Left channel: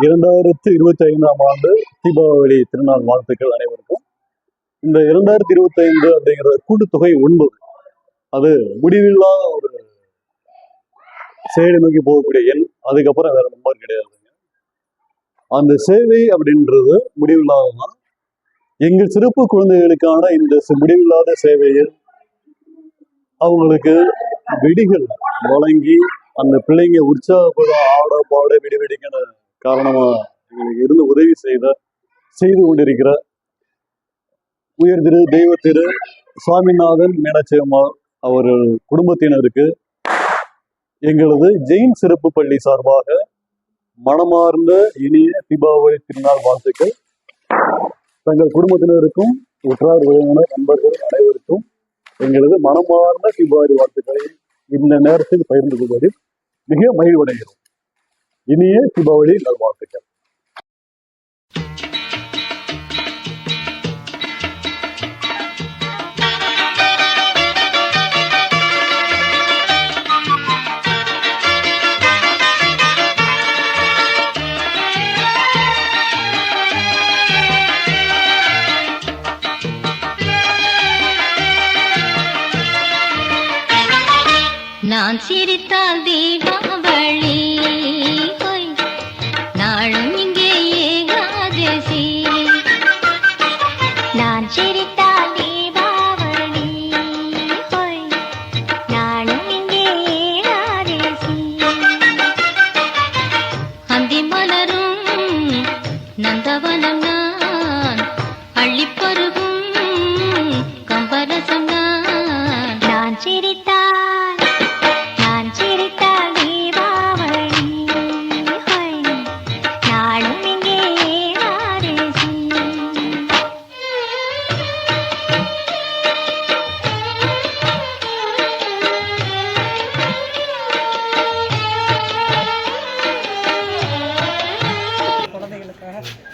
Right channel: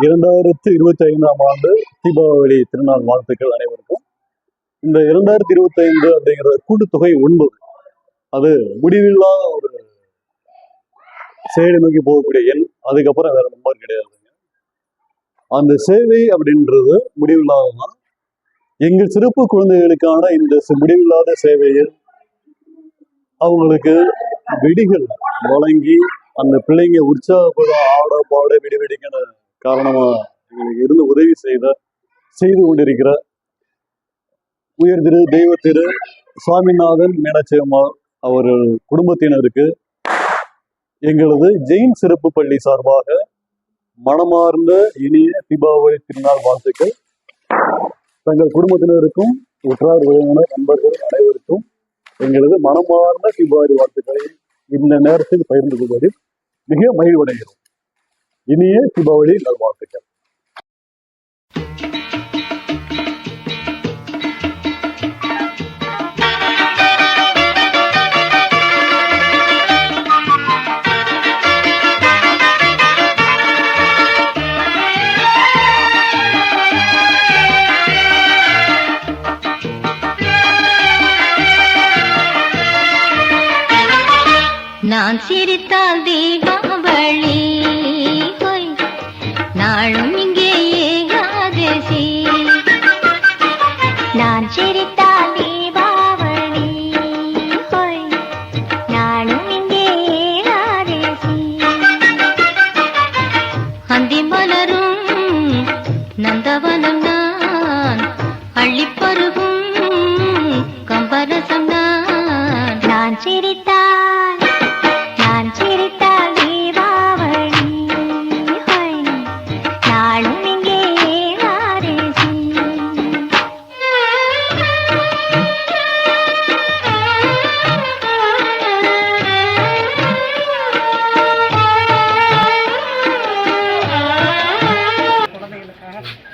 இரண்டாயிரத்தி இருபத்தி ஐந்தாம் ஆண்டு தீபாவளி திருநாள் வாழ்த்துக்கள் அனைவருக்கும். இந்த இரண்டாயிரத்தி இருபத்தி ஐந்து அப்படிங்கிற கூட்டுத்தொகை ஒன்பது அது முடிவில்லாத ஒரு சேவை நோக்கி போகக்கூடிய எண் அதுக்கப்புறம் வேற நம்பர் கிடையாதுங்க அந்த சேவை அப்படின்றது முடிவில்லாததான் எங்கள் சிறப்பு குழந்தைகளுக்கான இந்த முடிவில்லாத சேவையில் அவங்களுக்கு வெடிகள் வழங்கி அந்த பிள்ளைங்க உற்சாகப்பட ஆட பாட வெடி காரணமா எங்களுக்கு இருந்து உதவி செய்த செய்து கொண்டிருக்கிற உயர் திரு தெய்வ திரு சுவாமிநாதன் மீனாட்சியம்மாள் அவர்கள் குடும்பத்தினருக்கு எங்களது ஜெயின் சிறப்பு பள்ளி சார்பாக மனமார்ந்த இனிய தீபாவளி திருநாள் வாழ்த்துக்கள். தங்கள் குடும்பத்தினருக்கும் உற்றார் உறவினர் நண்பர்கள் அனைவருக்கும் எங்களது மனமார்ந்த தீபாவளி வாழ்த்துக்களை இந்த நேரத்தில் பகிர்ந்து கொள்வதில் மிக மகிழ்வடைகிறோம். இனிய தீபாவளி நல்வாழ்த்துக்கள் நான் சிரித்தால் நந்தவனம்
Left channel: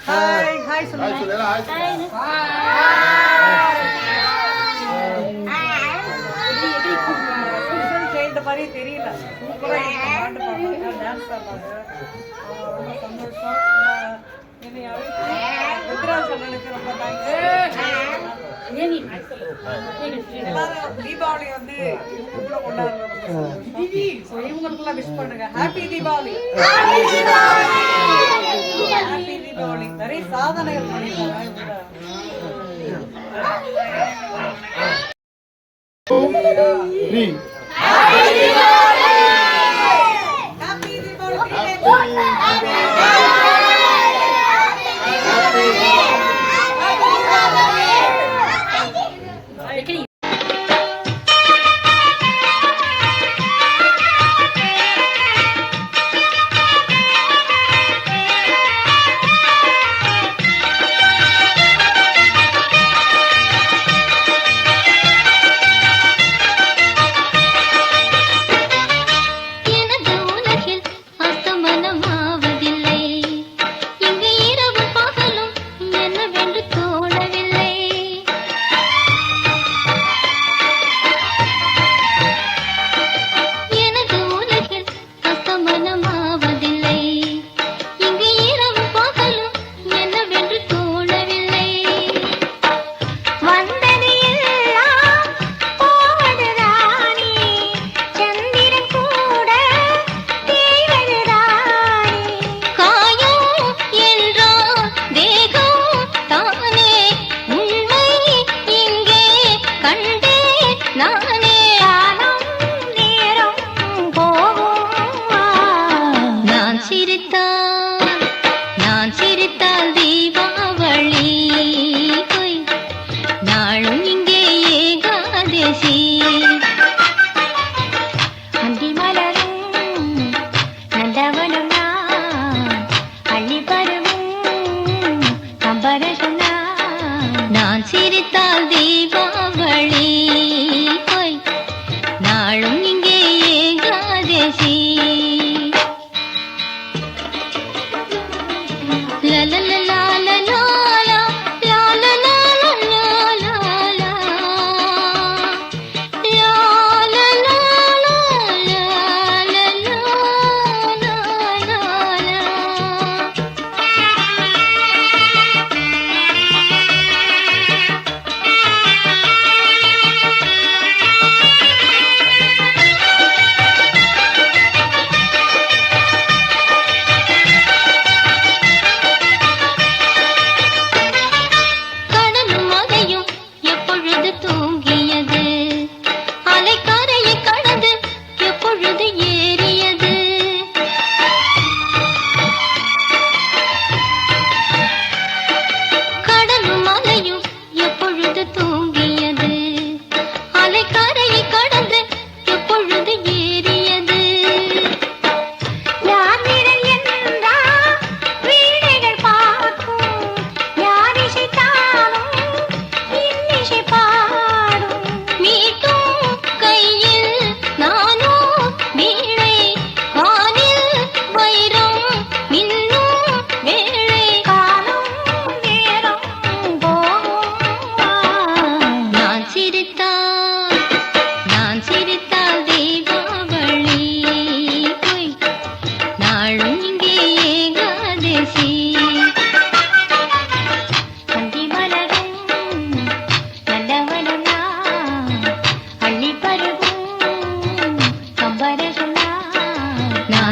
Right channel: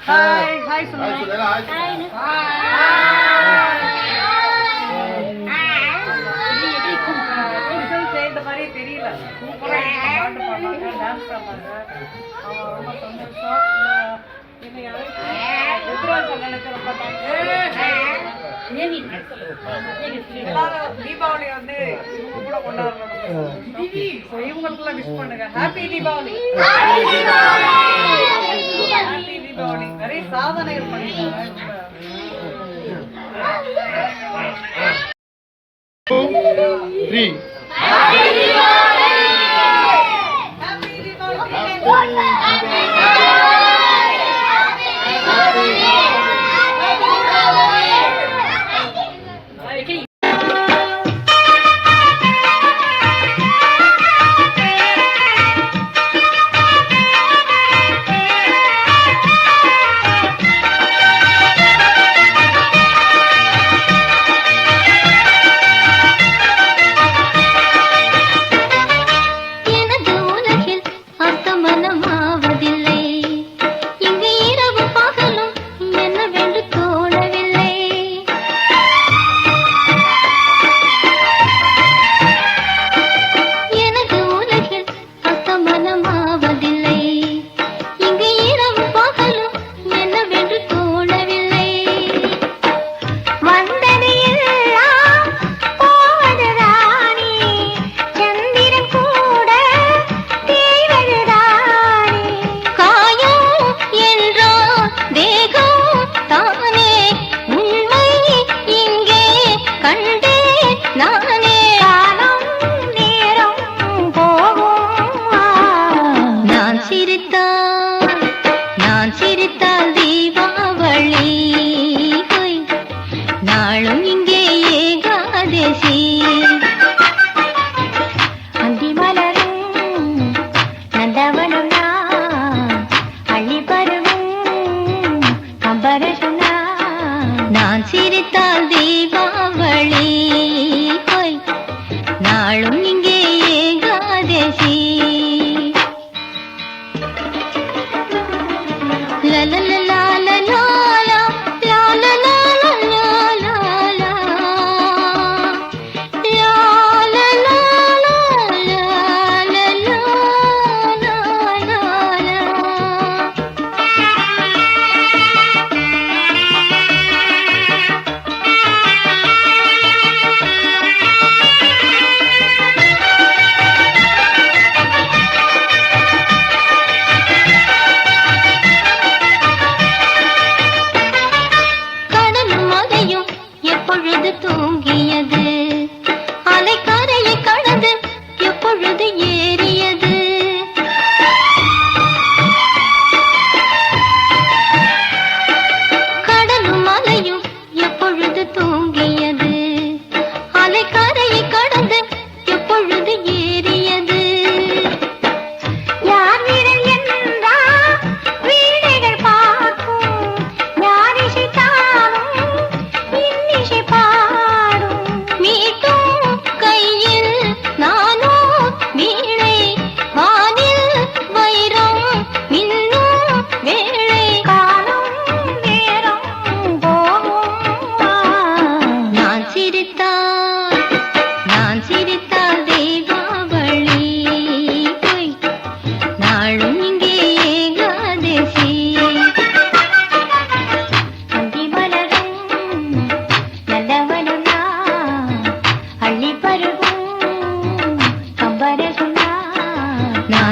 ஹாய் ஹாய் சொல்லுங்க ஹாய் ஹாய் இந்த மாதிரி தெரியல தீபாவளி வந்து கொண்டாடுறோம் விஷ் பண்ணுங்க ஹாப்பி தீபாவளி சாதனைகள் பண்ணிருக்காங்க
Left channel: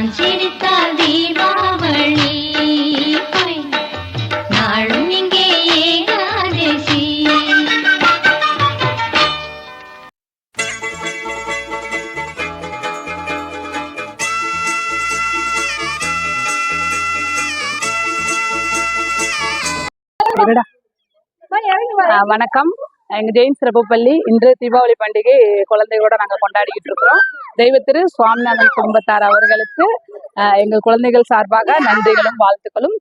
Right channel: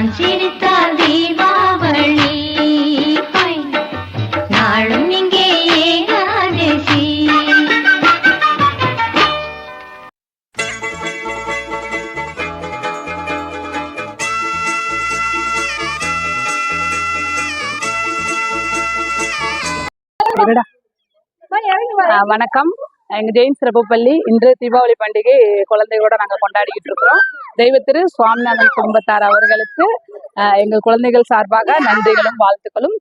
நான் சிரித்தால் தீபாவளி. நாளும் வணக்கம். எங்க ஜெயின் சிறப்பு பள்ளி இன்று தீபாவளி பண்டிகை குழந்தைகளோட நாங்கள் கொண்டாடிக்கிட்டு இருக்கிறோம். தெய்வத்திரு சுவாமிநாதன் குடும்பத்தார் அவர்களுக்கு எங்கள் குழந்தைகள் சார்பாக நன்றிகளும் வாழ்த்துக்களும்.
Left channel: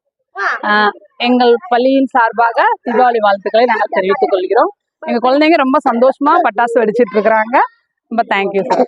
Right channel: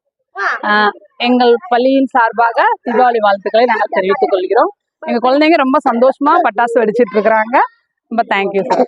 எங்கள் பள்ளியின் சார்பாக தீபாவளி வாழ்த்துக்களை நாங்கள் தெரிவித்துக் கொள்கிறோம். எங்க குழந்தைங்க ரொம்ப சந்தோஷமா பட்டாசு வெடிச்சிட்டு இருக்கிறாங்க. ரொம்ப தேங்க்யூ சார்